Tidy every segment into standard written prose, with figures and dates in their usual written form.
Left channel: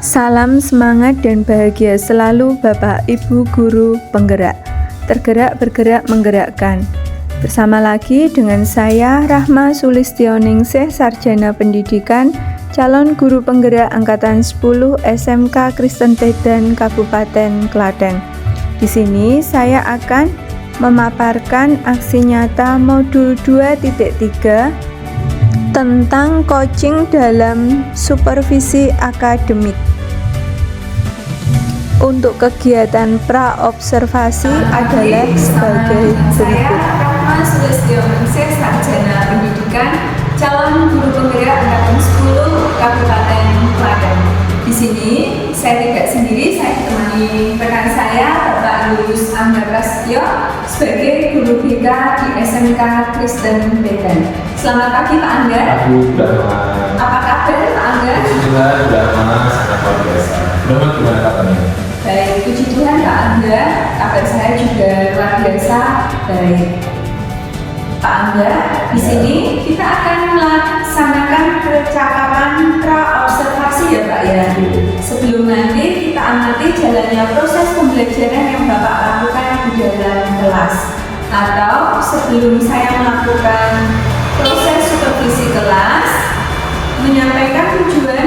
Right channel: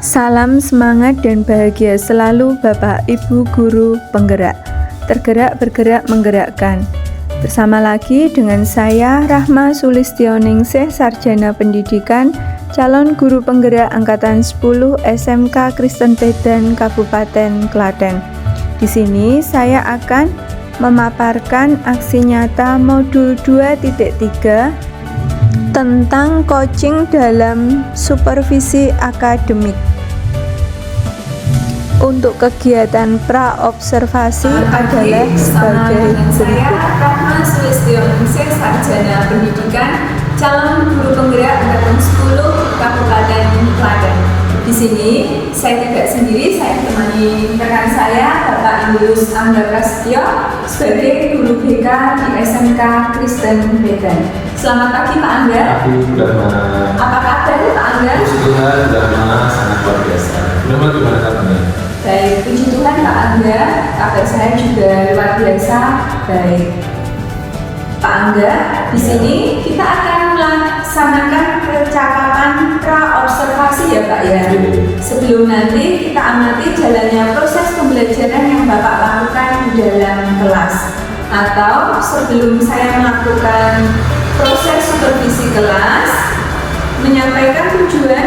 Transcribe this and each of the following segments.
Salam semangat dan bahagia selalu Bapak Ibu Guru Penggerak. Tergerak bergerak menggerakkan. Bersama lagi dengan saya Rahma Sulistioningsih, Sarjana Pendidikan, calon guru penggerak angkatan 10 SMK Kristen Pedan Kabupaten Klaten. Di sini saya akan memaparkan aksi nyata modul 2.3 tentang coaching dalam supervisi akademik. Untuk kegiatan pra-observasi adalah sebagai berikut. Rahma Sulistioningsih, Sarjana Pendidikan, calon guru penggerak angkatan 10 Kabupaten Klaten. Di sini saya tidak sendiri, saya ditemani rekan saya Bapak Yus Angga Prasetyo sebagai guru BK di SMK Kristen Pedan. Selamat pagi Pak Angga. Aku Brahma. Apa kabar Pak Angga? Puji Tuhan, Brahma sangat luar biasa. Brahma gimana kabarnya? Baik, puji Tuhan Pak Angga, kabar saya juga luar biasa baik. Pak Angga, di sini kita akan melaksanakan percakapan pra-observasi ya Pak ya. Sebelum nanti kita amati jalannya proses pembelajaran yang Bapak lakukan di dalam kelas. Atau sebelum saya melakukan proses supervisi kelas, menyampaikan tujuan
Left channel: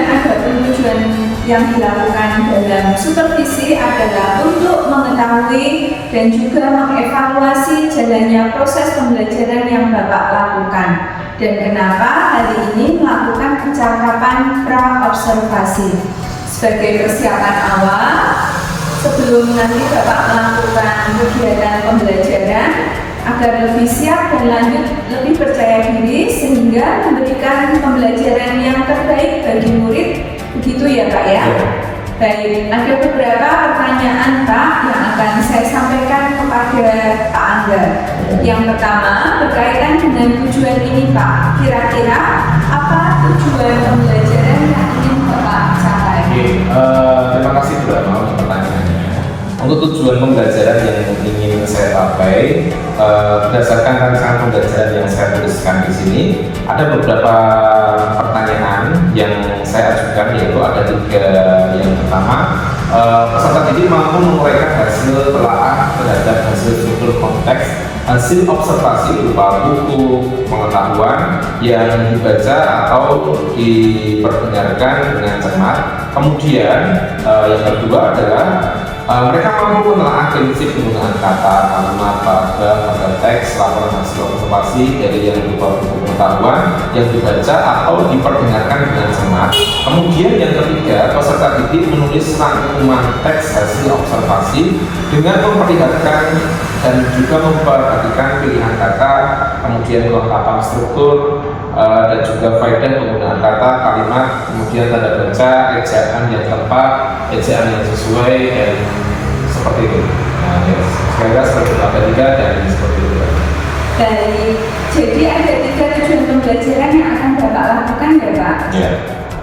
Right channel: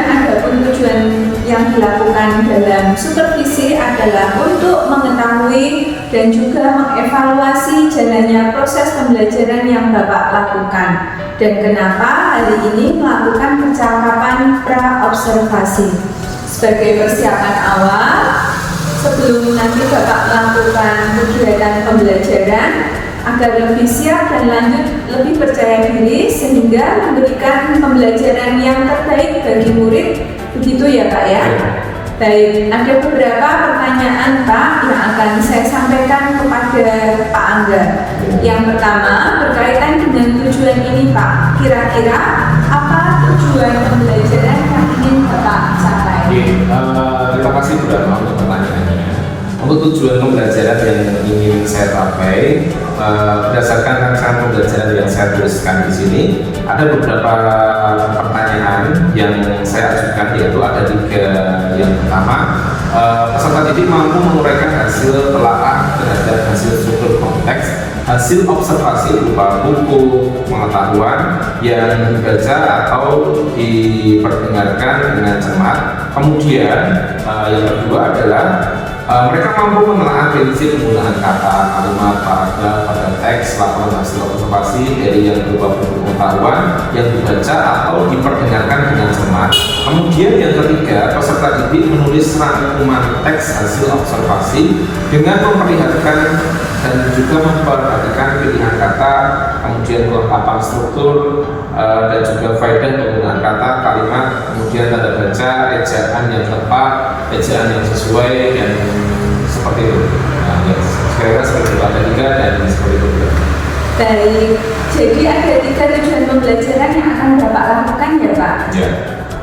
yang dilakukan dalam supervisi adalah untuk mengetahui dan juga mengevaluasi jalannya proses pembelajaran yang Bapak lakukan dan kenapa hari ini melakukan percakapan pra-observasi sebagai persiapan awal sebelum nanti Bapak melakukan kegiatan pembelajaran agar lebih siap dan lanjut lebih percaya diri sehingga memberikan pembelajaran yang terbaik bagi murid. Begitu ya Pak ya? Baik, ada beberapa pertanyaan Pak yang akan saya sampaikan kepada Pak Angga. Yang pertama berkaitan dengan tujuan ini Pak. Kira-kira apa tujuan pembelajaran yang ingin Bapak capai? Terima kasih Brahma untuk pertanyaannya. Untuk tujuan pembelajaran yang ingin saya capai, berdasarkan rancangan pembelajaran yang saya tuliskan di sini, ada beberapa pertanyaan yang saya ajukan, yaitu ada 3. Yang pertama, peserta didik mampu menguraikan hasil telaah terhadap hasil struktur konteks, hasil observasi berupa buku pengetahuan yang dibaca atau diperdengarkan dengan cermat. Kemudian yang kedua adalah mereka mampu menelaah prinsip penggunaan kata, kalimat, paragraf pada teks, laporan hasil observasi dari yang berupa buku pengetahuan yang dibaca atau diperdengarkan dengan cermat. Kemudian yang ketiga, peserta didik menulis rangkuman teks hasil observasi dengan memperlihatkan dan juga memperhatikan pilihan kata, kemudian kelengkapan struktur dan juga faedah penggunaan kata, kalimat, kemudian tanda baca, ejaan yang tepat, ejaan yang sesuai, dan seperti itu. Nah, saya kira seperti itu, ada 3 dan seperti itu. Baik, jadi ada 3 tujuan pembelajaran yang akan Bapak lakukan ya Pak? Ya.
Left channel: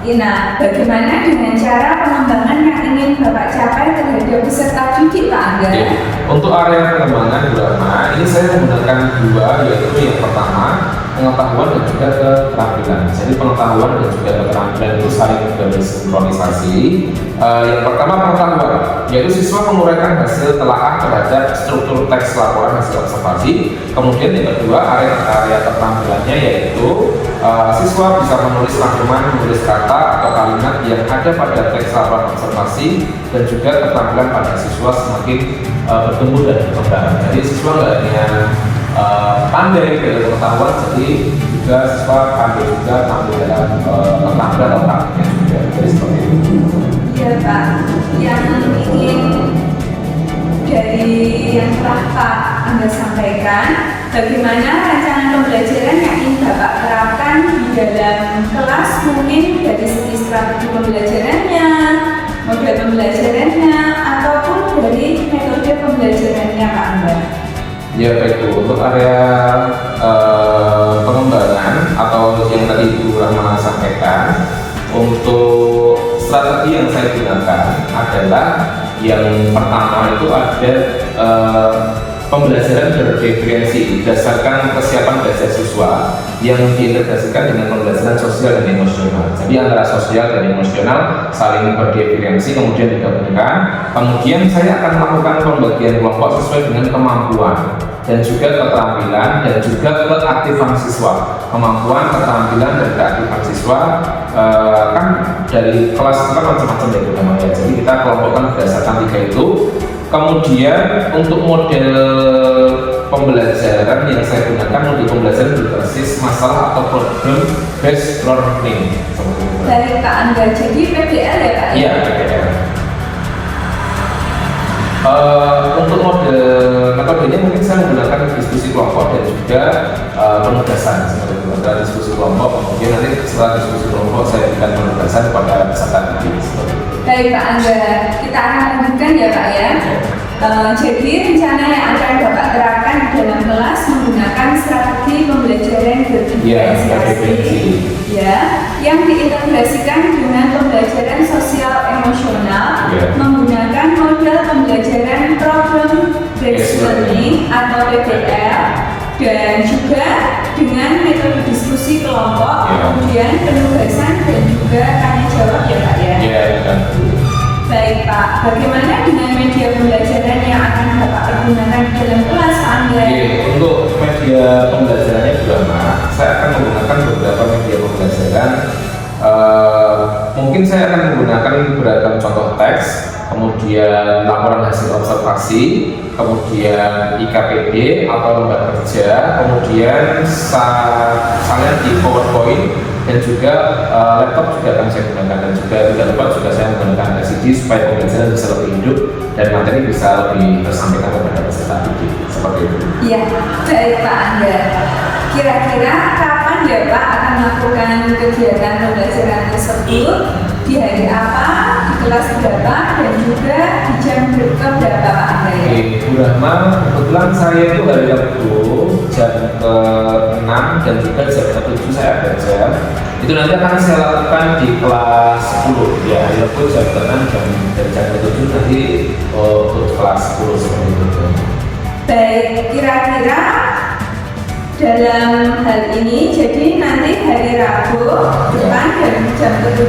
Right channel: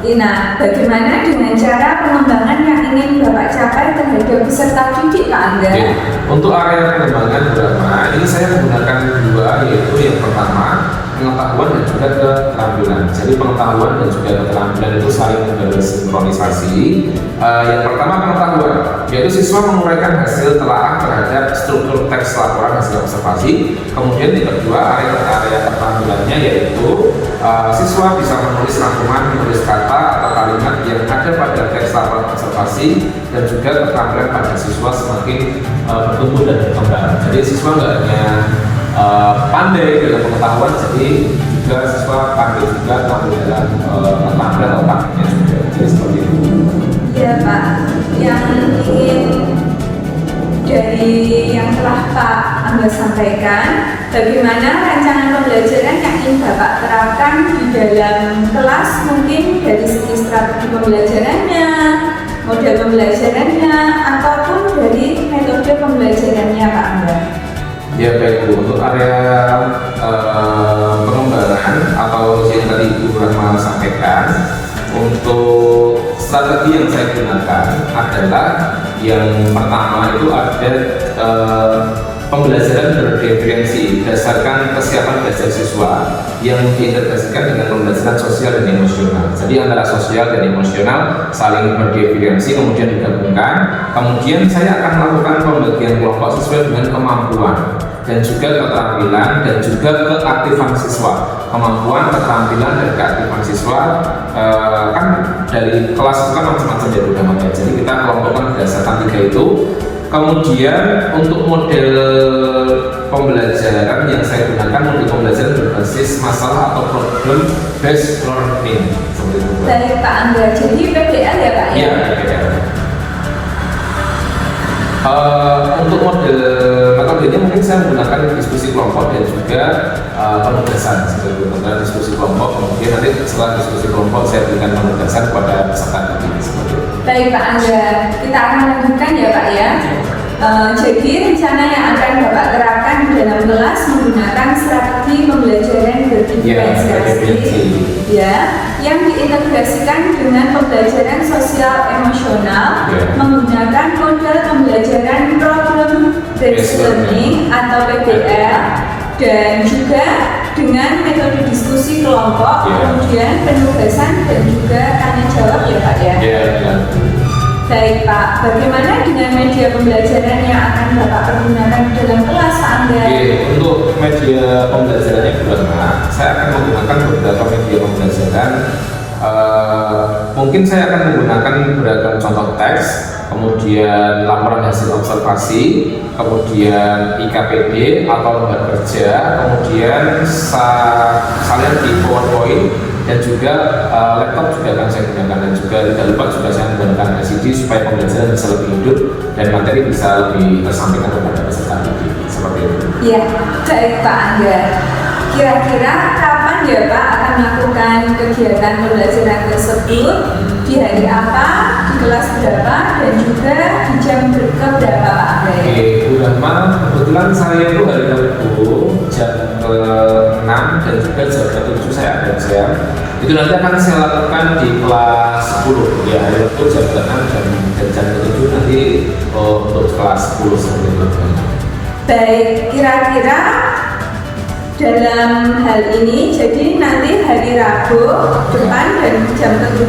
Nah, bagaimana dengan cara pengembangan yang ingin Bapak capai terhadap peserta didik Pak Angga? Ya. Untuk area pengembangan Brahma, ini saya menggunakan 2, yaitu yang pertama pengetahuan dan juga keterampilan. Jadi pengetahuan dan juga keterampilan itu saling bersinkronisasi. Yang pertama pengetahuan, yaitu siswa menguraikan hasil telaah terhadap struktur teks laporan hasil observasi. Kemudian yang kedua area keterampilannya yaitu siswa bisa menulis rangkuman, menulis kata atau kalimat yang ada pada teks laporan observasi, dan juga keterampilan pada siswa semakin bertumbuh dan berkembang. Jadi siswa nggak hanya pandai dalam pengetahuan, jadi juga siswa pandai juga tampil dalam keterampilan otaknya juga. Jadi seperti itu. Iya Pak, yang ingin dari yang telah Pak Angga sampaikan, bagaimana rancangan pembelajaran yang ingin Bapak terapkan di dalam kelas, mungkin dari segi strategi pembelajarannya, model pembelajarannya, ataupun dari metode pembelajarannya Pak Angga. Ya baik Bu, untuk area pengembangan atau yang tadi Ibu Rahma sampaikan, untuk strategi yang saya gunakan adalah yang pertama itu ada pembelajaran berdefinisi berdasarkan kesiapan belajar siswa yang diintegrasikan dengan pembelajaran sosial dan emosional. Jadi antara sosial dan emosional saling berdefinisi kemudian digabungkan. Kemudian saya akan melakukan pembagian kelompok sesuai dengan kemampuan dan juga keterampilan dan juga keaktifan siswa. Kemampuan, keterampilan, dan keaktifan siswa kan dari kelas itu kan macam-macam ya Bu. Jadi kita kelompokkan berdasarkan 3 itu. Kemudian untuk model pembelajaran yang saya gunakan model pembelajaran berbasis masalah atau problem based learning seperti itu. Baik Pak Angga, jadi PBL ya Pak? Iya, PBL. Untuk model metodenya mungkin saya menggunakan diskusi kelompok dan juga penugasan seperti itu. Antara diskusi kelompok, kemudian nanti setelah diskusi kelompok saya berikan penugasan kepada peserta didik seperti itu. Baik Pak Angga, kita akan lanjutkan ya Pak ya. Jadi rencana yang akan Bapak terapkan di dalam kelas menggunakan strategi pembelajaran berdiferensiasi ya, yang diintegrasikan dengan pembelajaran sosial emosional menggunakan model pembelajaran problem based learning atau PBL dan juga dengan metode diskusi kelompok, kemudian penugasan dan juga tanya jawab ya Pak ya. Baik Pak, bagaimana dengan media pembelajaran yang akan Bapak pergunakan di dalam kelas Pak Angga? Untuk media pembelajarannya Burama, saya akan menggunakan beberapa media pembelajaran. Mungkin saya akan menggunakan beragam contoh teks, kemudian laporan hasil observasi, kemudian IKPD atau lembar kerja, kemudian salinan di PowerPoint, dan juga laptop juga akan saya gunakan, dan juga tidak lupa juga saya menggunakan LCD supaya pembelajaran bisa lebih hidup dan materi bisa lebih tersampaikan kepada peserta didik seperti itu. Ya, baik Pak Angga. Kira-kira kapan ya Pak akan melakukan kegiatan pembelajaran tersebut? Di hari apa, di kelas berapa, dan juga di jam berapa Pak Angga? Bu Rahma, kebetulan saya itu hari Rabu jam 6 dan juga jam 7 saya ada jam. Itu nanti akan saya lakukan di kelas 10 ya, hari Rabu jam 6 dan jam 7 nanti untuk kelas 10 seperti itu. Baik, kira-kira dalam hal ini, jadi nanti hari Rabu depan dan jam 7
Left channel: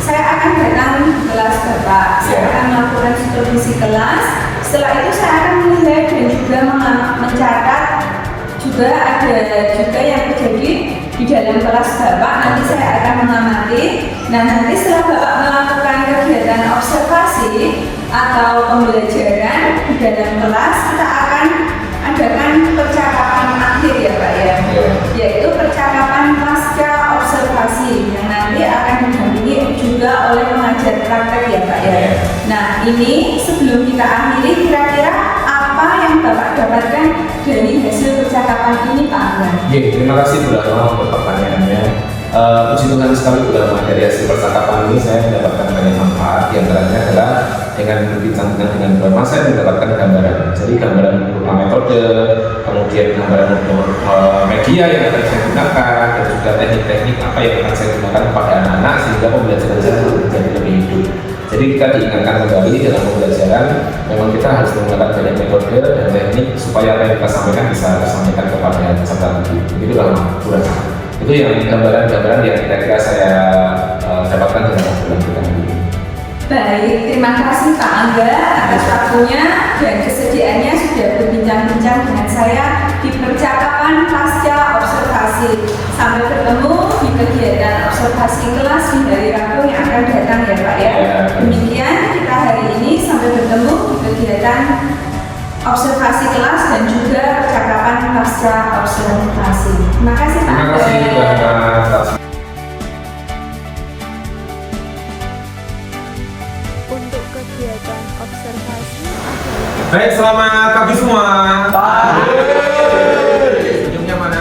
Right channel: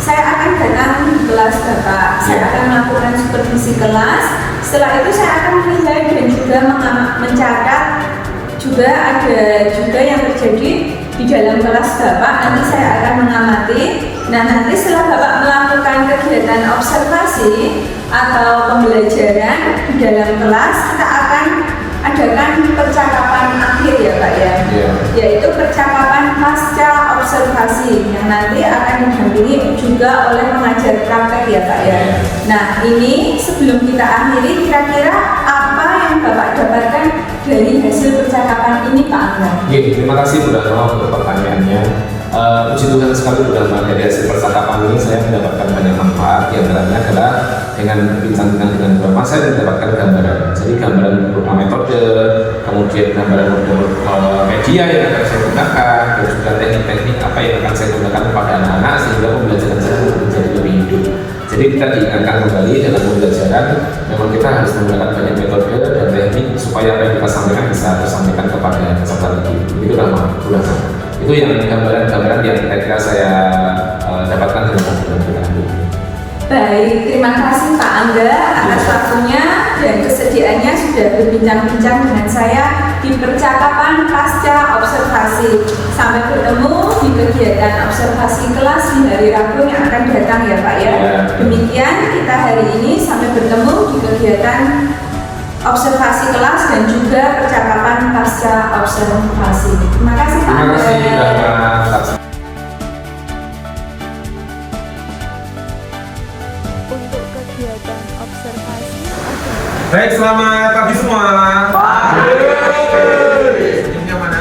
saya akan datang di kelas Bapak. Saya akan melakukan supervisi kelas. Setelah itu saya akan melihat dan juga mencatat juga ada juga yang terjadi di dalam kelas Bapak. Nanti saya akan mengamati. Nah, nanti setelah Bapak melakukan kegiatan observasi atau pembelajaran di dalam kelas, kita akan adakan percakapan akhir ya Pak ya, yaitu percakapan pasca observasi yang nanti akan didampingi juga oleh pengajar praktek ya Pak ya. Nah, ini sebelum kita akhiri, kira-kira apa yang Bapak dapatkan dari hasil percakapan ini Pak Angga? Terima kasih Bu Rahma untuk pertanyaannya. Puji Tuhan sekali Bu Rahma, dari hasil percakapan ini saya mendapatkan banyak manfaat. Di antaranya adalah dengan berbincang dengan Bu Rahma saya mendapatkan gambaran. Jadi gambaran berupa metode, kemudian gambaran media yang akan saya gunakan, dan juga teknik-teknik apa yang akan saya gunakan kepada anak-anak sehingga pembelajaran saya menjadi lebih hidup. Jadi kita diingatkan kembali dalam pembelajaran, memang kita harus menggunakan banyak metode dan teknik supaya apa yang kita sampaikan bisa tersampaikan kepada peserta didik. Itu Rahma, Bu Rahma. Itu yang gambaran-gambaran yang kira-kira saya dapatkan dalam obrolan kita ini. Baik, terima kasih Pak Angga atas waktunya dan kesediaannya sudah berbincang-bincang dengan saya di percakapan pasca observasi. Sampai bertemu di kegiatan observasi kelas di hari Rabu yang akan datang ya Pak ya. Demikian kita hari ini, sampai bertemu di kegiatan observasi kelas dan juga percakapan pasca observasi. Terima kasih Pak Angga. Terima kasih. Untuk kegiatan observasi adalah Baik, selamat pagi semua. Senyumnya mana?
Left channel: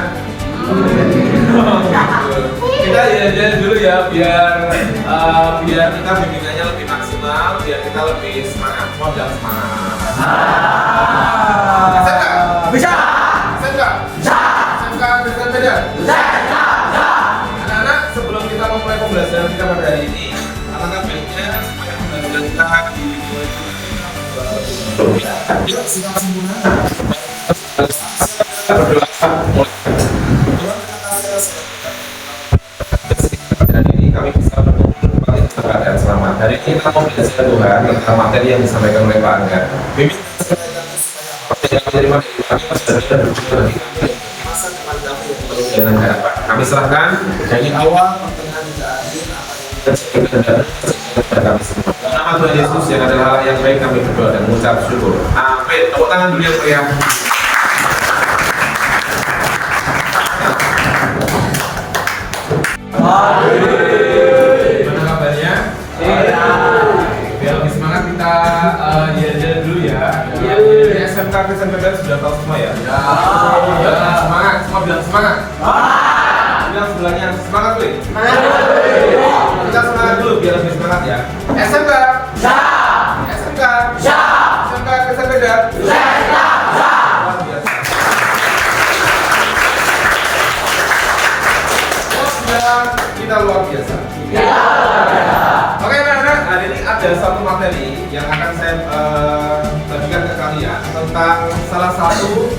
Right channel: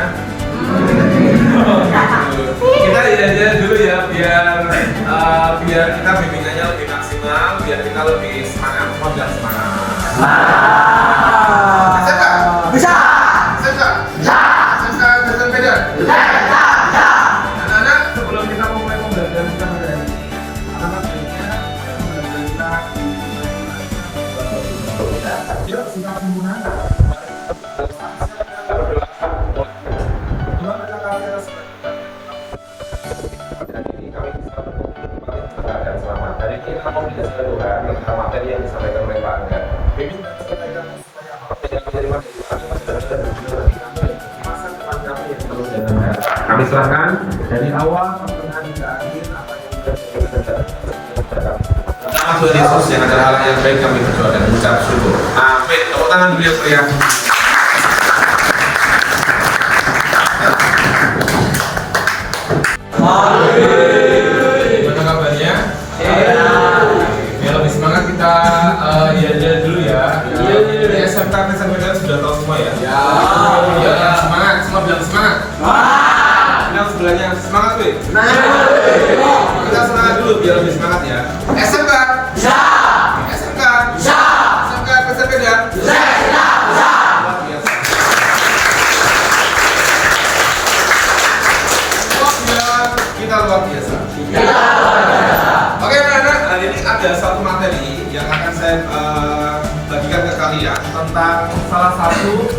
Kita jalan dulu ya, biar kita bimbingannya lebih maksimal, biar kita lebih semangat dan semangat. Bisa. Anak-anak, sebelum kita memulai pembelajaran kita pada hari ini, anak-anak baiknya semangat kita. Yuk, semangat semua. Hari ini kita mau belajar Tuhan tentang materi yang disampaikan oleh Pak Angga. Kami serahkan dari awal nama Tuhan Yesus yang adalah hal yang baik, kami berdoa dan mengucap syukur. Amin. Tepuk tangan dulu yang meriah. Gimana kabarnya? Biar lebih semangat kita jalan dulu ya. Jadi SMK Kesabaran sudah tahu semua ya? Bilang semangat, semua bilang semangat. Bilang sebelahnya semangat gue. Kita semangat dulu biar lebih semangat ya. SMK. SMK. SMK Kesabaran. Kita luar biasa. Oke anak-anak, hari ini ada satu materi yang akan saya bagikan ke kalian tentang salah satu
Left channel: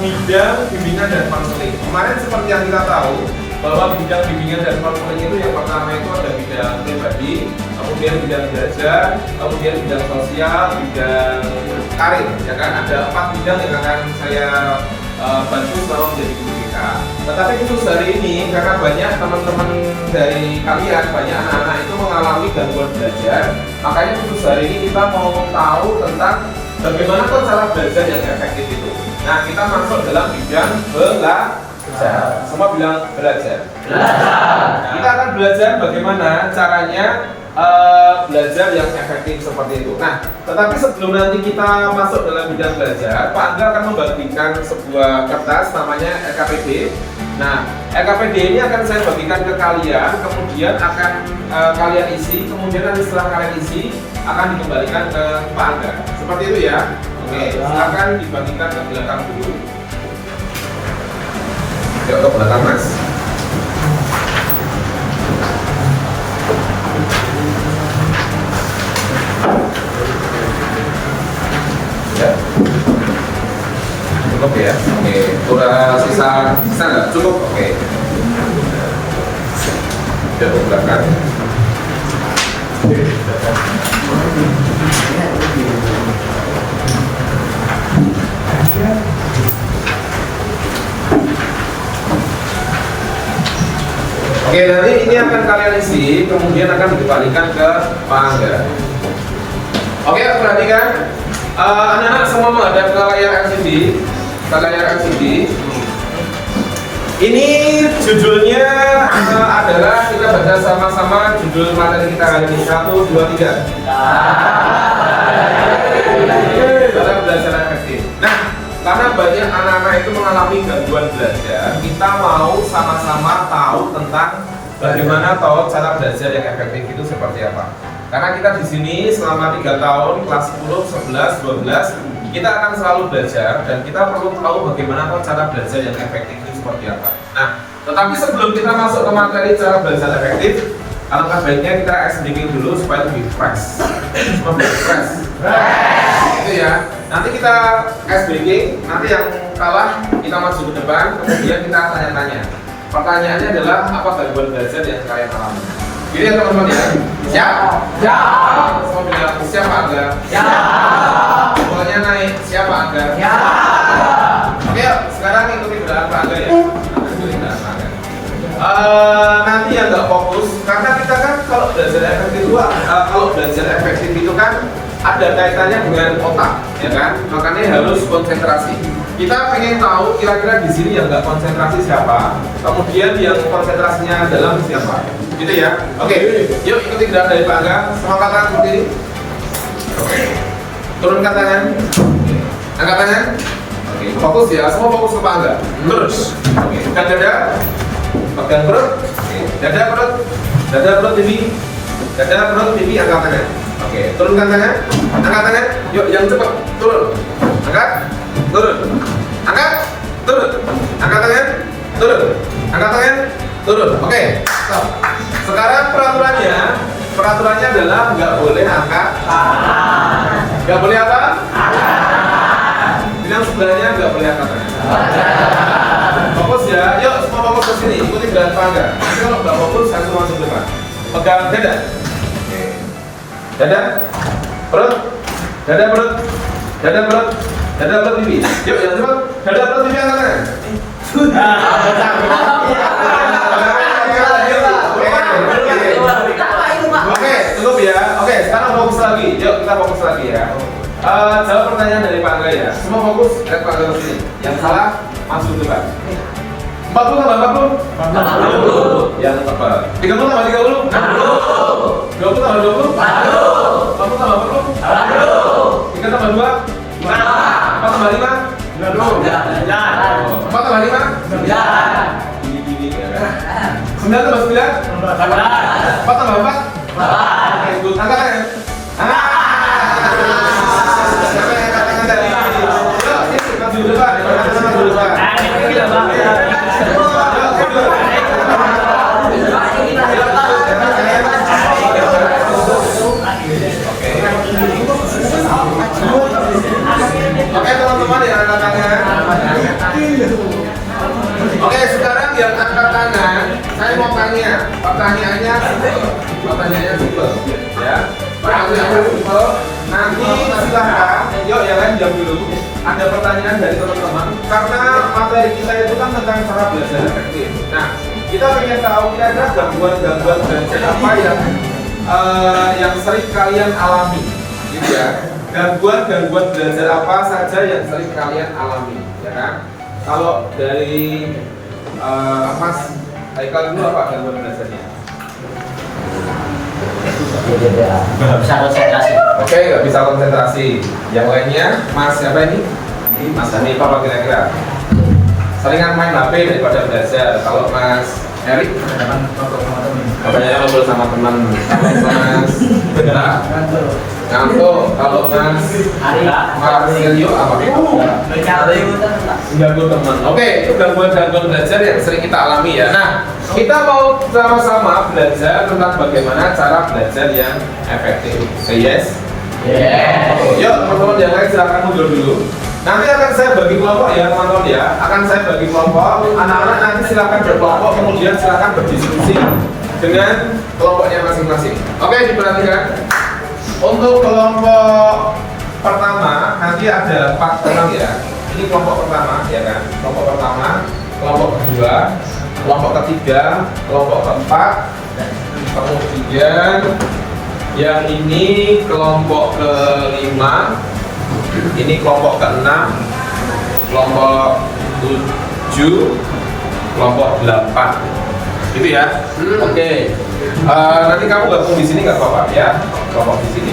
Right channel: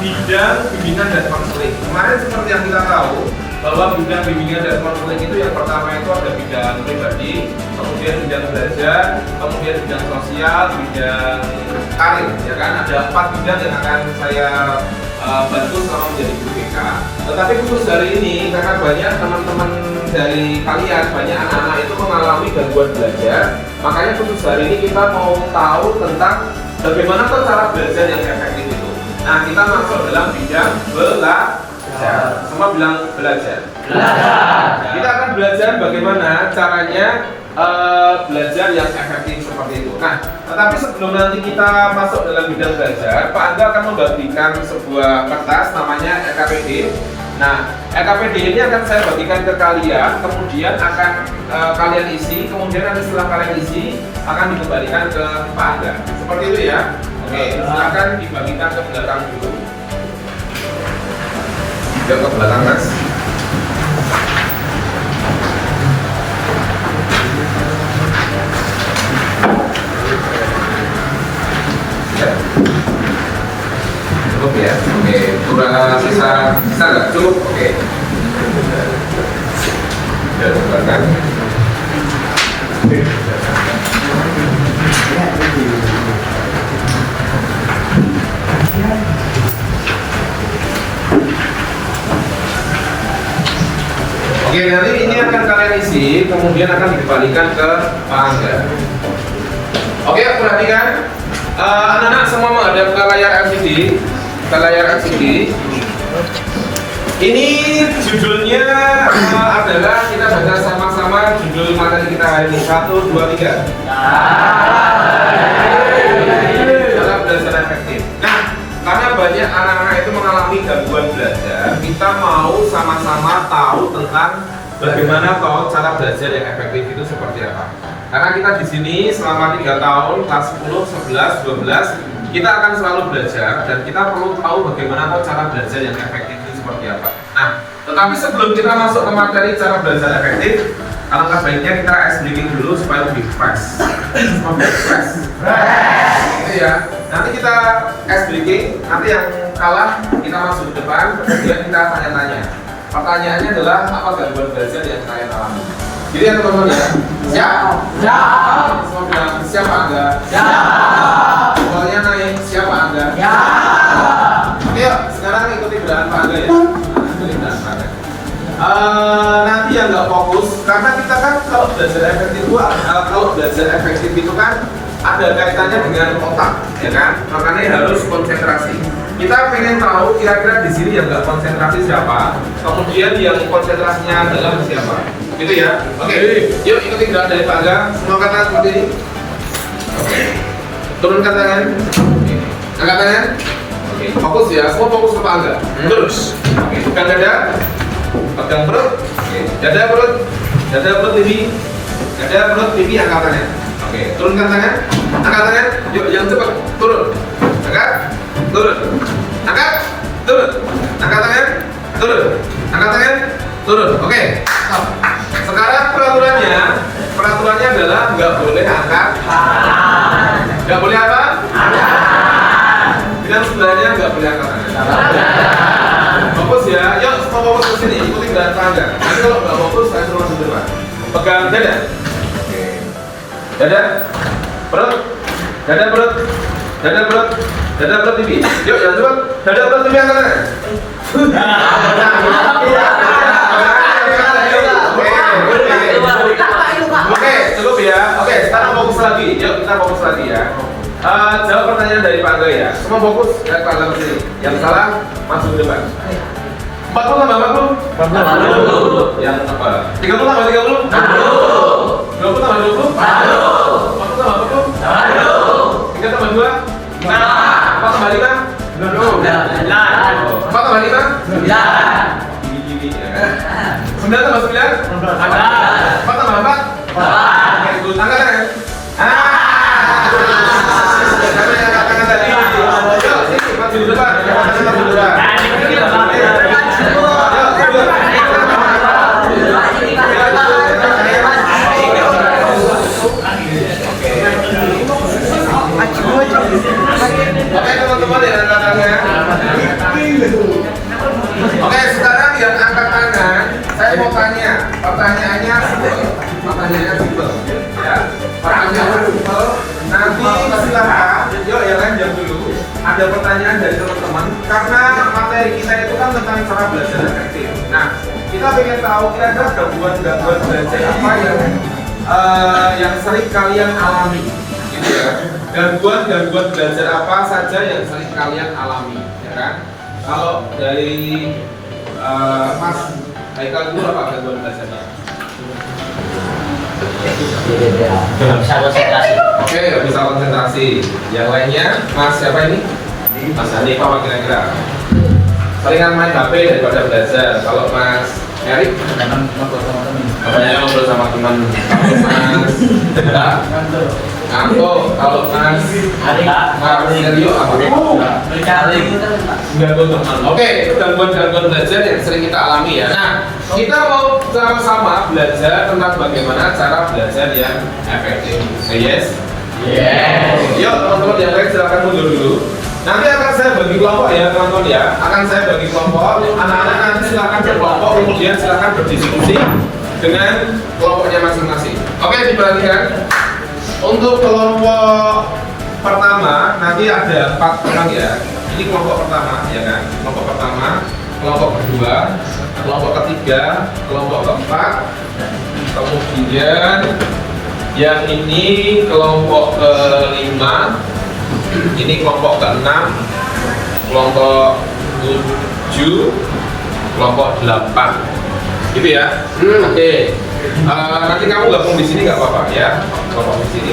bidang bimbingan dan konseling. Kemarin seperti yang kita tahu bahwa bidang bimbingan dan konseling itu yang pertama itu ada bidang pribadi, kemudian bidang belajar, kemudian bidang sosial, bidang karir. Ya kan ada 4 bidang yang akan saya bantu selama menjadi guru BK. Tetapi khusus hari ini karena banyak teman-teman dari kalian, banyak anak-anak itu mengalami gangguan belajar, makanya khusus hari ini kita mau tahu tentang bagaimana tuh cara belajar yang efektif itu. Nah, kita masuk dalam bidang belajar. Semua bilang belajar. Kita akan belajar bagaimana caranya belajar yang efektif seperti itu. Nah, tetapi sebelum nanti kita masuk dalam bidang belajar, Pak Angga akan membagikan sebuah kertas namanya LKPD. Nah, LKPD ini akan saya bagikan ke kalian, kemudian akan kalian isi, kemudian nanti setelah kalian isi akan dikembalikan ke Pak Angga. Seperti itu ya. Oke, silakan dibagikan ke belakang dulu. Yuk ke belakang, Mas. Ya. Cukup ya. Oke, udah sisa nggak cukup? Oke. Ya, ke belakang. Oke, nanti ini akan kalian isi, kemudian akan dikembalikan ke Pak Angga. Oke, perhatikan. Anak-anak semua menghadap ke layar LCD. Ini judulnya adalah, kita baca sama-sama judul materi kita hari ini. 1, 2, 3. Dalam belajar efektif. Nah, karena banyak anak-anak itu mengalami gangguan belajar, kita mau sama-sama tahu tentang bagaimana toh cara belajar yang efektif itu seperti apa. Karena kita di sini selama 3 tahun, kelas 10, 11, 12, kita akan selalu belajar dan kita perlu tahu bagaimana toh cara belajar yang efektif itu seperti apa. Nah, tetapi sebelum kita masuk ke materi cara belajar efektif, alangkah baiknya kita ice breaking dulu supaya lebih fresh. Itu ya. Nanti kita ice breaking, nanti yang kalah kita masuk ke depan, kemudian kita tanya-tanya. Pertanyaannya adalah apa gangguan belajar yang kalian alami? Jadi ya teman-teman ya. Siap? Siap. Semua bilang siapa Anda? Siap. Pokoknya naik siapa Anda? Siap. Oke, yuk, sekarang ikuti gerakan Pak Angga ya. Ikuti gerakan Pak Angga. Nanti yang nggak fokus, karena kita kan kalau belajar efektif itu kan ada kaitannya dengan otak, ya kan? Makanya harus konsentrasi. Kita pengen tahu kira-kira di sini yang nggak konsentrasi siapa, kemudian yang konsentrasinya dalam siapa. Gitu ya. Oke, yuk ikuti gerakan dari Pak Angga. Semua kata seperti ini. Oke. Turunkan tangan. Angkat tangan. Oke, fokus ya. Semua fokus ke Pak Angga. Terus. Oke, pegang dada. Pegang perut. Oke, dada perut. Dada perut pipi. Dada perut pipi, angkat tangan. Oke, turunkan tangan. Angkat tangan. Yuk, yang cepat. Turun. Angkat. Turun. Angkat. Turun. Angkat tangan. Turun. Angkat tangan. Turun. Oke. Sekarang peraturannya adalah nggak boleh angkat. Nggak boleh apa? Bilang sebelahnya nggak boleh angkat. Fokus ya. Yuk semua fokus ke sini. Ikuti gerakan Pak Angga. Nanti kalau nggak fokus, saya semua di depan. Pegang dada. Dada, perut, dada perut, dada perut, dada perut pipi. Yuk, jangan cepat. Dada perut pipi angkat tangan. Oke, cukup ya. Oke, sekarang fokus lagi. Yuk, kita fokus lagi ya. Jawab pertanyaan dari Pak Angga ya. Semua fokus dan Pak Angga ke sini. Yang salah masuk dulu Pak. 40 tambah 40? 40. Yang tepat. 30 tambah 30? 60. 20 tambah 20? 40. 40 tambah 40? 40. 3 tambah 2? 4. 4 tambah 5? 9. 4 tambah 5? 9. 9 tambah 9? 4 tambah 4? 4. Oke, good. Angkat tangan. Siapa yang angkat tangan tadi? Yuk, sini, maju dulu Pak. Maju dulu Pak. Oke teman-teman yang angkat tangan. Oke, sekarang yang angkat tangan, saya mau tanya. Pertanyaannya simpel. Ya. Pertanyaannya simpel. Nanti silakan. Yuk, yang lain jawab dulu. Ada pertanyaan dari teman-teman karena materi kita itu kan tentang cara belajar efektif. Nah, kita pengen tahu kira-kira gangguan belajar apa yang sering kalian alami, gitu ya. Gangguan belajar apa saja yang sering kalian alami, ya kan? Kalau dari Mas Haikal dulu apa gangguan belajarnya? Nggak bisa konsentrasi. Oke, nggak bisa konsentrasi. Yang lainnya, Mas siapa ini? Mas Hanif apa kira-kira? Seringan main HP daripada belajar. Kalau Mas Erik? Katanya ngobrol sama teman. Mas ngantuk. Kalau Mas Mario apa? Gangguan teman. Oke, gangguan belajar yang sering kita alami ya. Nah, kita mau sama-sama belajar tentang bagaimana cara belajar yang efektif. Say yes? Yes. Yuk, teman-teman yang lain silahkan mundur dulu. Nanti akan saya bagi kelompok ya, teman-teman ya. Akan saya bagi kelompok. Anak-anak nanti silahkan berkelompok, kemudian silahkan berdiskusi dengan kelompoknya masing-masing. Oke, diperhatikan. Untuk kelompok pertama nanti ada 4 orang ya. Ini kelompok pertama ya kan. Kelompok pertama, kelompok kedua, kelompok ketiga, kelompok keempat, kemudian yang ini kelompok kelima, ini kelompok keenam, kelompok 7, kelompok 8, gitu ya. Oke. Nanti kamu gabung di sini nggak apa-apa ya, kelompok di sini.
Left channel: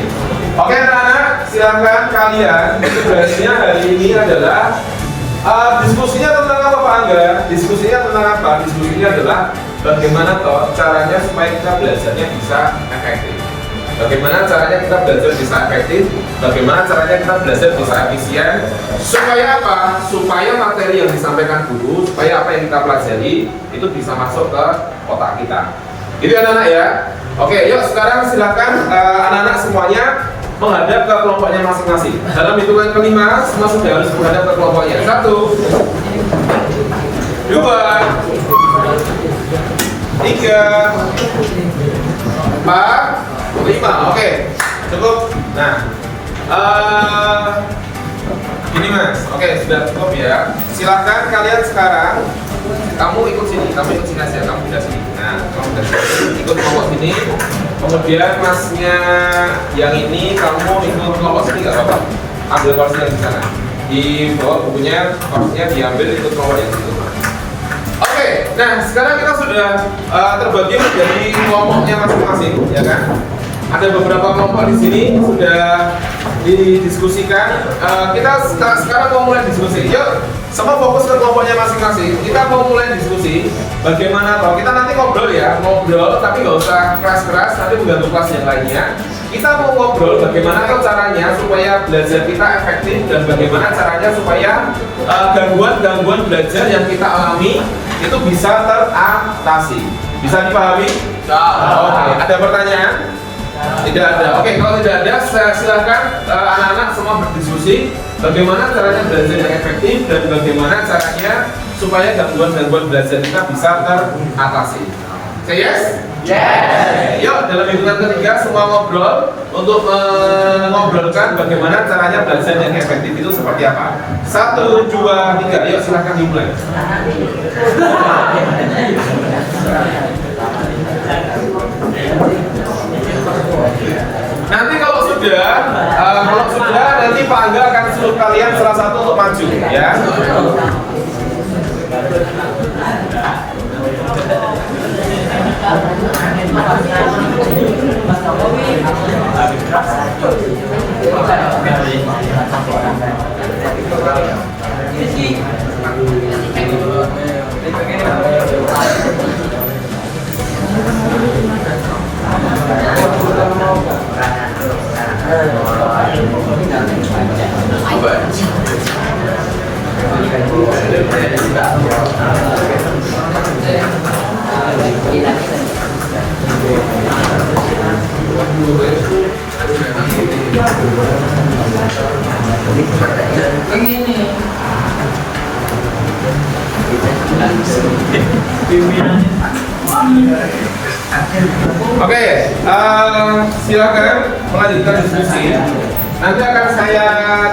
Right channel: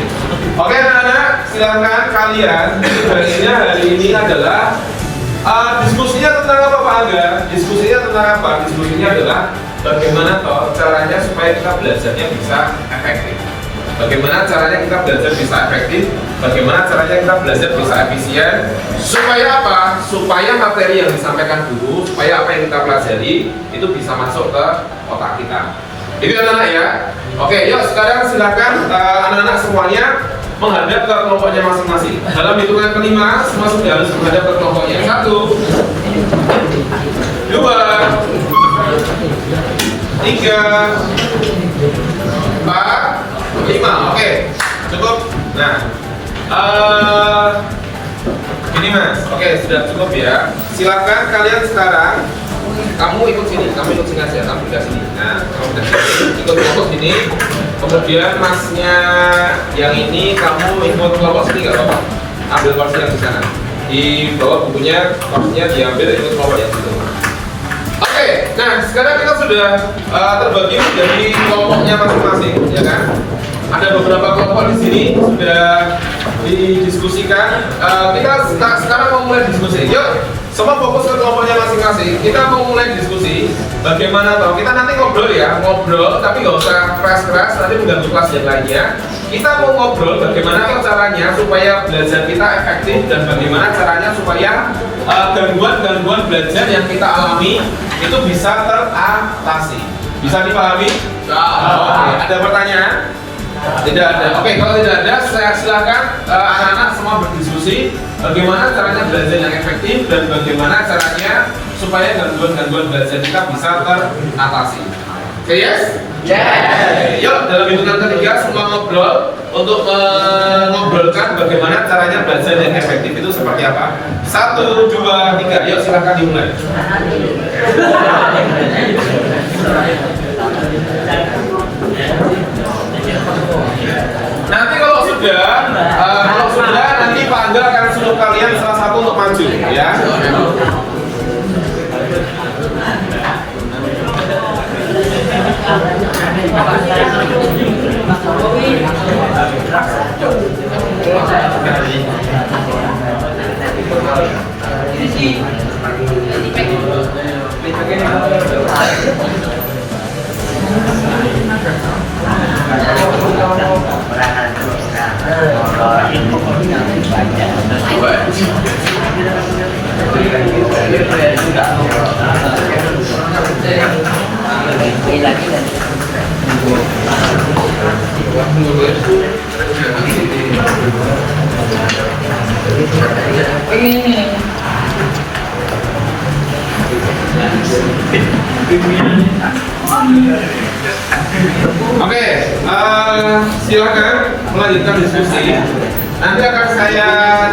Oke anak-anak, silakan kalian. Tugasnya hari ini adalah diskusinya tentang apa Pak Angga? Diskusinya tentang apa? Diskusinya adalah bagaimana toh caranya supaya kita belajarnya bisa efektif. Bagaimana caranya kita belajar bisa efektif? Bagaimana caranya kita belajar bisa efisien? Supaya apa? Supaya materi yang disampaikan guru, supaya apa yang kita pelajari itu bisa masuk ke otak kita. Itu anak-anak ya. Oke, yuk sekarang silakan anak-anak semuanya menghadap ke kelompoknya masing-masing. Dalam hitungan kelima, semua sudah harus menghadap ke kelompoknya. 1, 2, 3, 4, 5. Oke, cukup. Nah, gini Mas. Oke, sudah cukup ya. Silakan kalian sekarang. Kamu ikut sini aja, kamu pindah sini. Nah, kamu pindah sini, ikut kelompok sini. Kemudian masnya yang ini kamu ikut kelompok sini nggak apa-apa. Ambil kursi yang di sana. Di bawah bukunya, kursinya diambil ikut kelompok yang itu. Oke, nah sekarang kita sudah terbagi jadi kelompoknya masing-masing, ya kan? Ada beberapa kelompok di sini sudah didiskusikan. Kita sekarang mau mulai diskusi. Yuk. Semua fokus ke kelompoknya masing-masing. Kita mau mulai diskusi bagaimana toh. Kita nanti ngobrol ya, ngobrol tapi nggak usah keras-keras nanti mengganggu kelas yang lainnya. Kita mau ngobrol bagaimana toh caranya supaya belajar kita efektif dan bagaimana caranya supaya gangguan-gangguan belajar yang kita alami itu bisa teratasi. Bisa dipahami? Oke. Ada pertanyaan? Tidak ada. Oke, kalau tidak ada, saya silakan anak-anak semua berdiskusi bagaimana caranya belajar yang efektif dan bagaimana caranya supaya gangguan-gangguan belajar kita bisa teratasi. Oke, yes? Yes. Yuk, Yuk, dalam hitungan ketiga semua ngobrol untuk mengobrolkan bagaimana caranya belajar yang efektif itu seperti apa. 1, 2, 3. Yuk, silahkan dimulai. Nanti kalau sudah nanti Pak Angga akan suruh kalian salah satu untuk maju, ya. Oke, silakan melanjutkan diskusi. Nanti akan saya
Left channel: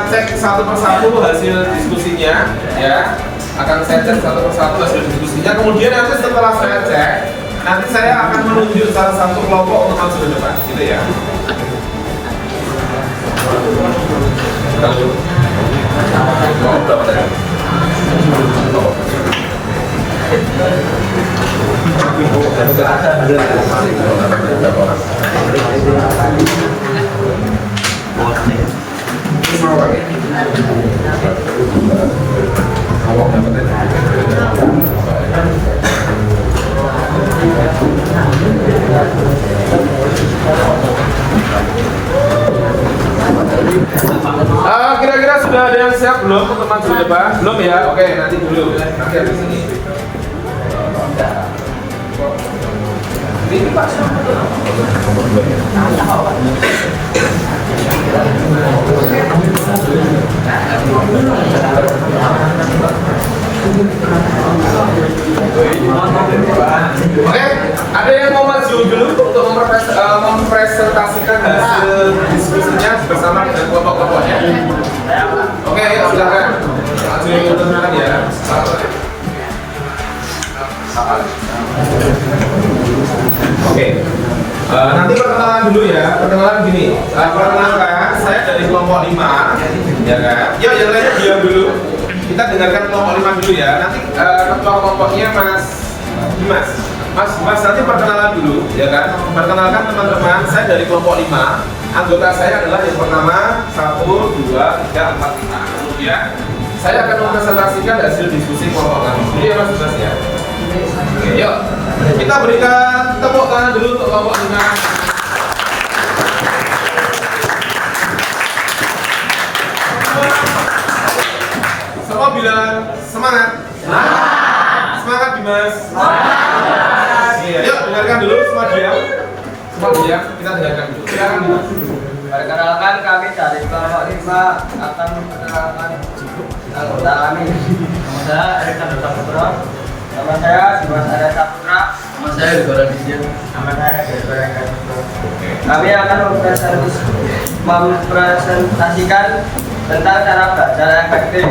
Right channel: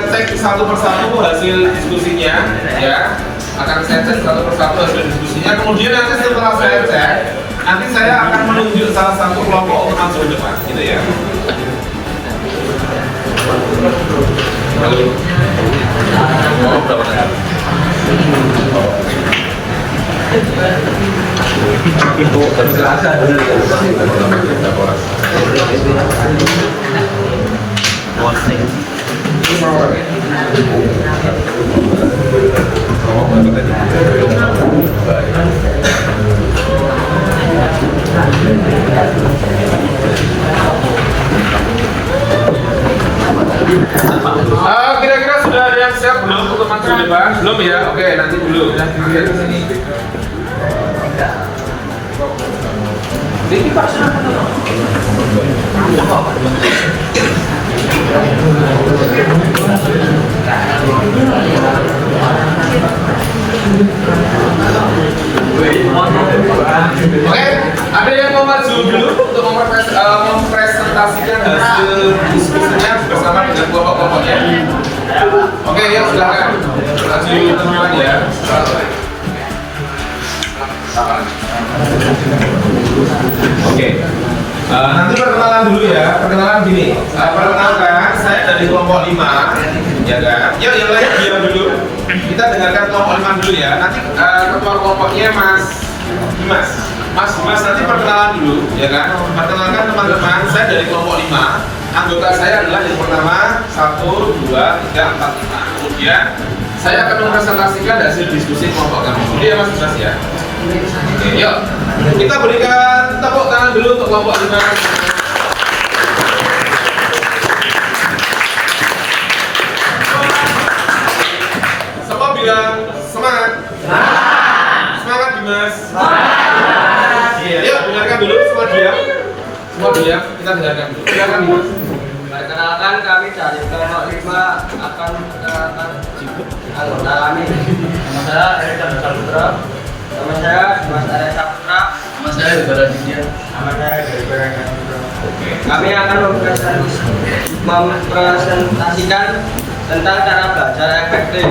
cek satu persatu hasil diskusinya, ya. Akan saya cek satu persatu hasil diskusinya. Kemudian nanti setelah saya cek, nanti saya akan menunjuk salah satu kelompok untuk maju ke depan, gitu ya. Lalu, kira-kira sudah ada yang siap belum untuk maju ke depan? Belum ya? Oke, nanti dulu. Lihat di sini. Ini Pak Oke, ada yang mau maju dulu untuk mempresentasikan hasil diskusinya bersama dengan kelompok-kelompoknya. Oke, ya silakan maju teman-teman ya. Oke, nanti perkenalan dulu ya. Perkenalan gini, perkenalkan saya dari kelompok 5, ya kan? Yuk, yang lainnya diam dulu. Kita dengarkan kelompok 5 dulu ya. Nanti ketua kelompoknya Mas Dimas. Mas nanti perkenalan dulu, ya kan? Perkenalkan teman-teman, saya dari kelompok 5. Anggota saya adalah yang pertama 1, 2, 3, 4, 5. Kemudian saya akan mempresentasikan hasil diskusi kelompok kami. Jadi ya Mas Dimas ya. Oke, yuk. Kita berikan tepuk tangan dulu untuk kelompok 5. Semua bilang semangat. Semangat Dimas. Yuk, dengarkan dulu, semua diam. Semua diam, kita dengarkan dulu. Silakan Dimas. Perkenalkan, kami dari kelompok 5 akan memperkenalkan anggota kami. Nama saya Erika Saputra. Nama saya Dimas Arya Saputra. Nama saya juga Raditya. Nama saya Gerber Saputra. Kami akan mempresentasikan tentang cara belajar efektif.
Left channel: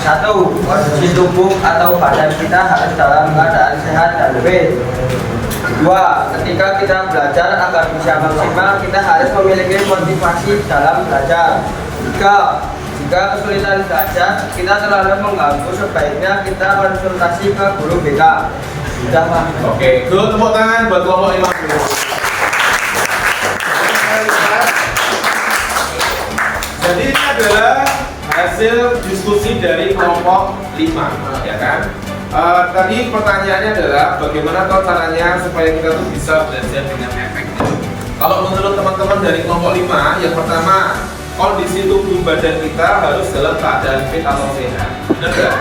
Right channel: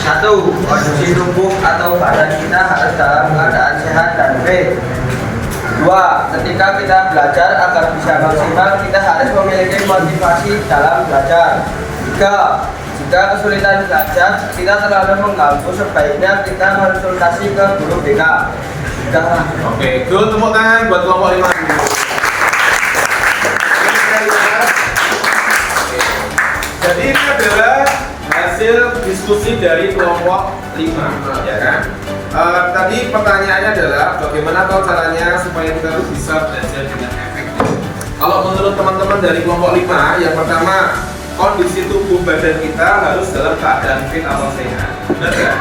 1. Kondisi tubuh atau badan kita harus dalam keadaan sehat dan fit. 2. Ketika kita belajar agar bisa maksimal, kita harus memiliki motivasi dalam belajar. 3. Jika kesulitan belajar, kita terlalu mengganggu, sebaiknya kita konsultasi ke guru BK. Sudahlah. Oke, good, tepuk tangan buat kelompok 5. Jadi ini adalah hasil diskusi dari kelompok 5, ya kan? Tadi pertanyaannya adalah bagaimana caranya supaya kita tuh bisa belajar dengan efektif. Kalau menurut teman-teman dari kelompok 5, yang pertama, kondisi tubuh badan kita harus dalam keadaan fit atau sehat. Benar nggak?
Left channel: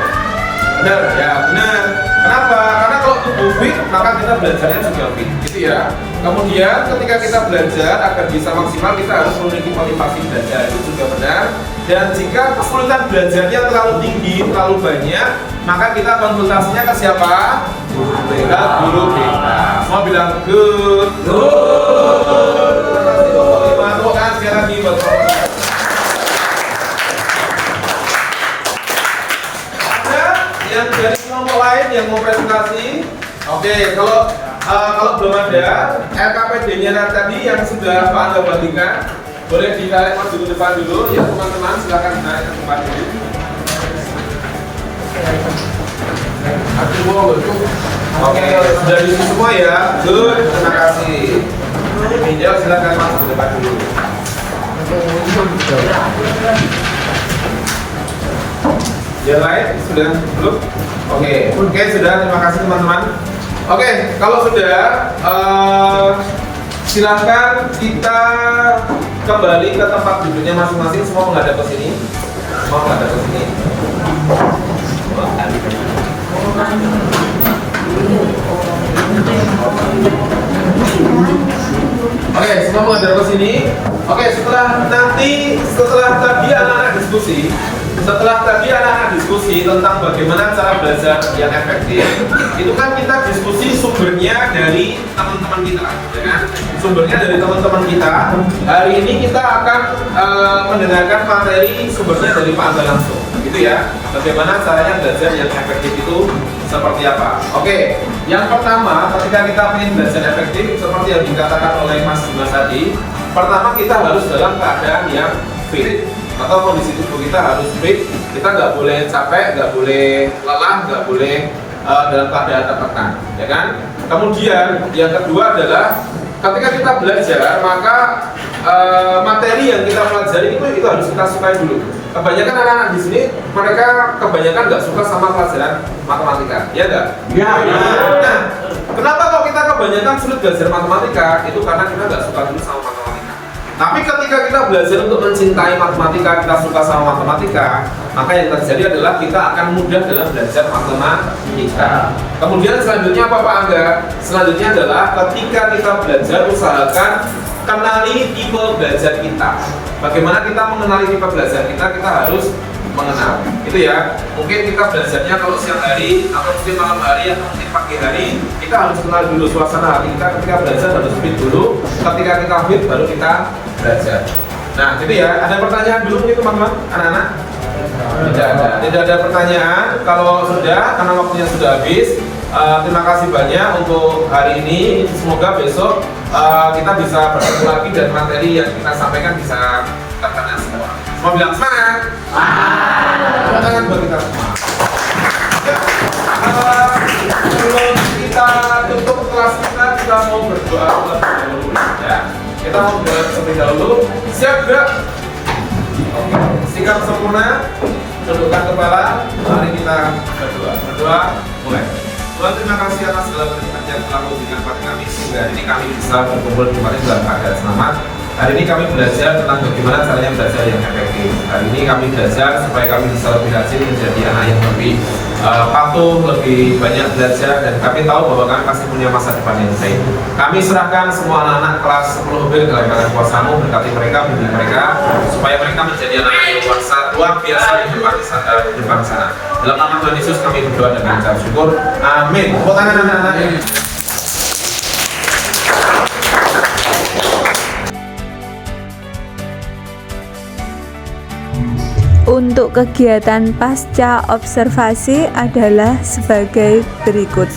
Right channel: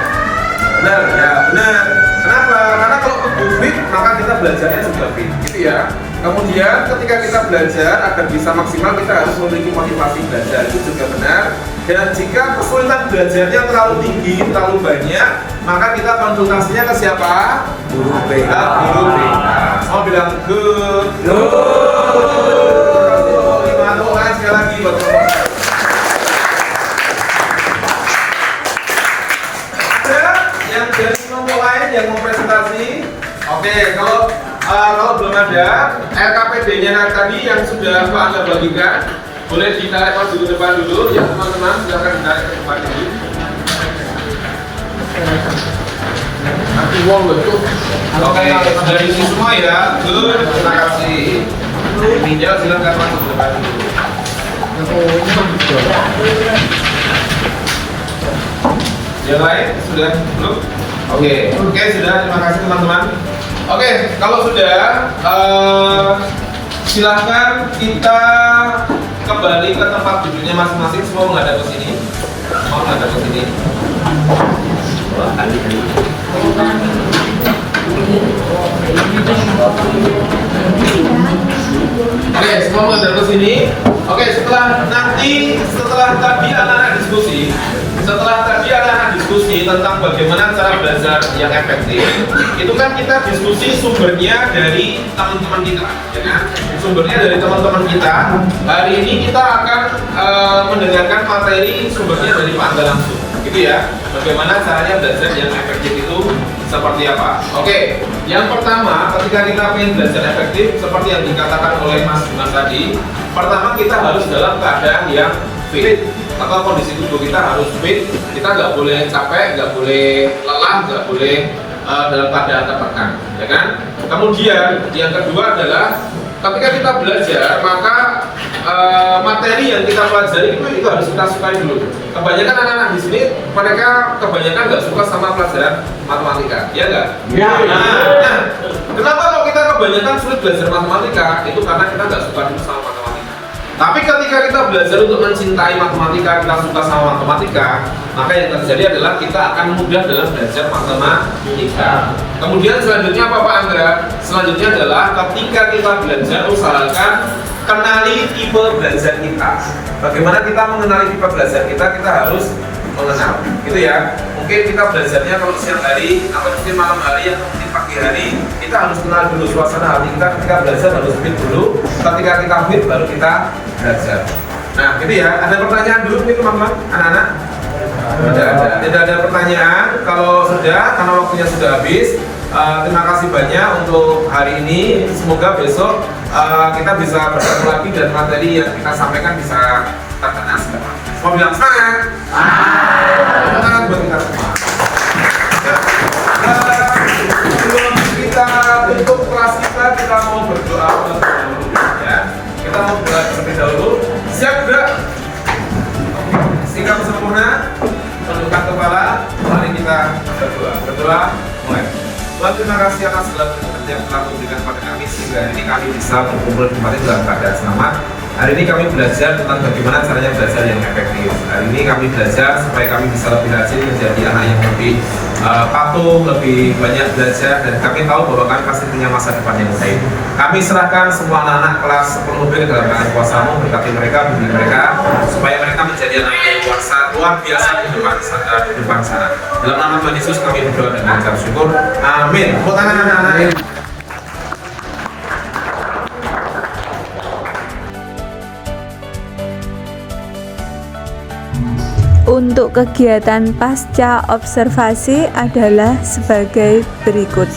Benar, ya benar. Kenapa? Karena kalau tubuh fit, maka kita belajarnya juga fit, gitu ya. Kemudian ketika kita belajar agar bisa maksimal, kita harus memiliki motivasi belajar, itu juga benar. Dan jika kesulitan belajarnya terlalu tinggi, terlalu banyak, maka kita konsultasinya ke siapa? Guru BK. Guru BK. Semua bilang Good. Terima tepuk tangan sekali lagi buat teman-teman. Ada yang dari kelompok lain yang mau presentasi? Oke, kalau belum ada LKPD-nya tadi yang sudah Pak Angga bagikan, boleh ditarik maju ke depan dulu. Ya teman-teman, silakan ditarik ke depan dulu. Aku mau loh tuh. Oke, sudah diisi semua ya. Good, terima kasih. Ya silakan maju ke depan dulu. Yang lain sudah belum? Oke, sudah. Terima kasih teman-teman. Oke, kalau sudah, silakan kita kembali ke tempat duduknya masing-masing. Semua menghadap ke sini. Oke, semua menghadap ke sini. Oke, setelah tadi anak-anak diskusi tentang bagaimana cara belajar yang efektif, itu kan kita diskusi sumbernya dari teman-teman kita, ya kan? Sumbernya dari teman-teman kita. Hari ini kita akan mendengarkan materi sumbernya dari Pak Angga langsung, gitu ya. Bagaimana caranya belajar yang efektif itu seperti apa? Oke, yang pertama ketika kita ingin belajar efektif, seperti yang dikatakan oleh Mas Juman tadi, pertama kita harus dalam keadaan yang fit, atau kondisi tubuh kita harus fit. Kita nggak boleh capek, nggak boleh lelah, nggak boleh dalam keadaan tertekan, ya kan? Kemudian yang kedua adalah ketika kita belajar, maka materi yang kita pelajari itu harus kita sukai dulu. Kebanyakan anak-anak di sini mereka kebanyakan nggak suka sama pelajaran matematika, ya nggak? Ya. Nah, kenapa kalau kita kebanyakan sulit belajar matematika? Itu karena kita nggak suka dulu sama matematika. Tapi ketika kita belajar untuk mencintai matematika, kita suka sama matematika, maka yang terjadi adalah kita akan mudah dalam belajar matematika. Kemudian selanjutnya apa Pak Angga? Selanjutnya adalah ketika kita belajar, usahakan kenali tipe belajar kita. Bagaimana kita mengenali tipe belajar kita? Kita harus mengenal, gitu ya. Mungkin kita belajarnya kalau siang hari atau mungkin malam hari atau mungkin pagi hari, kita harus kenal dulu suasana hati kita. Ketika belajar harus fit dulu. Ketika kita fit baru kita belajar. Nah, gitu ya. Ada pertanyaan dulu mungkin teman-teman, anak-anak? Tidak ada pertanyaan. Kalau sudah, karena waktunya sudah habis. Terima kasih banyak untuk hari ini. Semoga besok kita bisa bertemu lagi dan materi yang kita sampaikan bisa terkena semua. Semua bilang semangat. Tepuk tangan buat kita semua. Sebelum kita tutup kelas kita mau berdoa terlebih dahulu, ya. Kita mau berdoa terlebih dahulu. Siap gak? Sikap sempurna, tundukkan kepala. Mari kita berdoa. Mulai. Tuhan, terima kasih atas segala berkat yang Kamu berikan kepada kami sehingga hari ini kami bisa berkumpul kembali dalam keadaan selamat. Hari ini kami belajar tentang bagaimana caranya belajar yang efektif. Hari ini kami belajar supaya kami bisa lebih rajin menjadi anak yang lebih patuh, lebih banyak belajar, dan kami tahu bahwa kami pasti punya masa depan yang baik. Kami serahkan semua anak-anak kelas 10B ke dalam tangan kuasa-Mu, berkati mereka, bimbing mereka, supaya mereka menjadi anak yang luar biasa di depan sana. Dalam nama Tuhan Yesus kami berdoa dan mengucap syukur. Amin. Tepuk tangan anak-anak. Untuk kegiatan pasca observasi adalah sebagai berikut.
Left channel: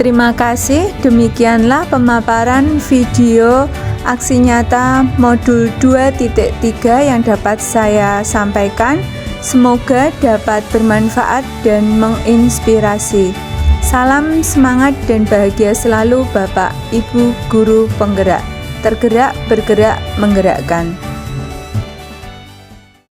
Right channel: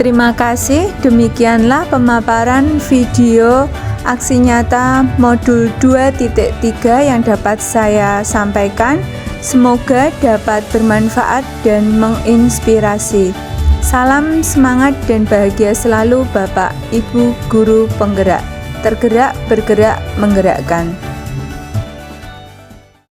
Terima kasih, demikianlah pemaparan video aksi nyata modul 2.3 yang dapat saya sampaikan. Semoga dapat bermanfaat dan menginspirasi. Salam semangat dan bahagia selalu Bapak, Ibu, Guru, Penggerak. Tergerak, bergerak, menggerakkan.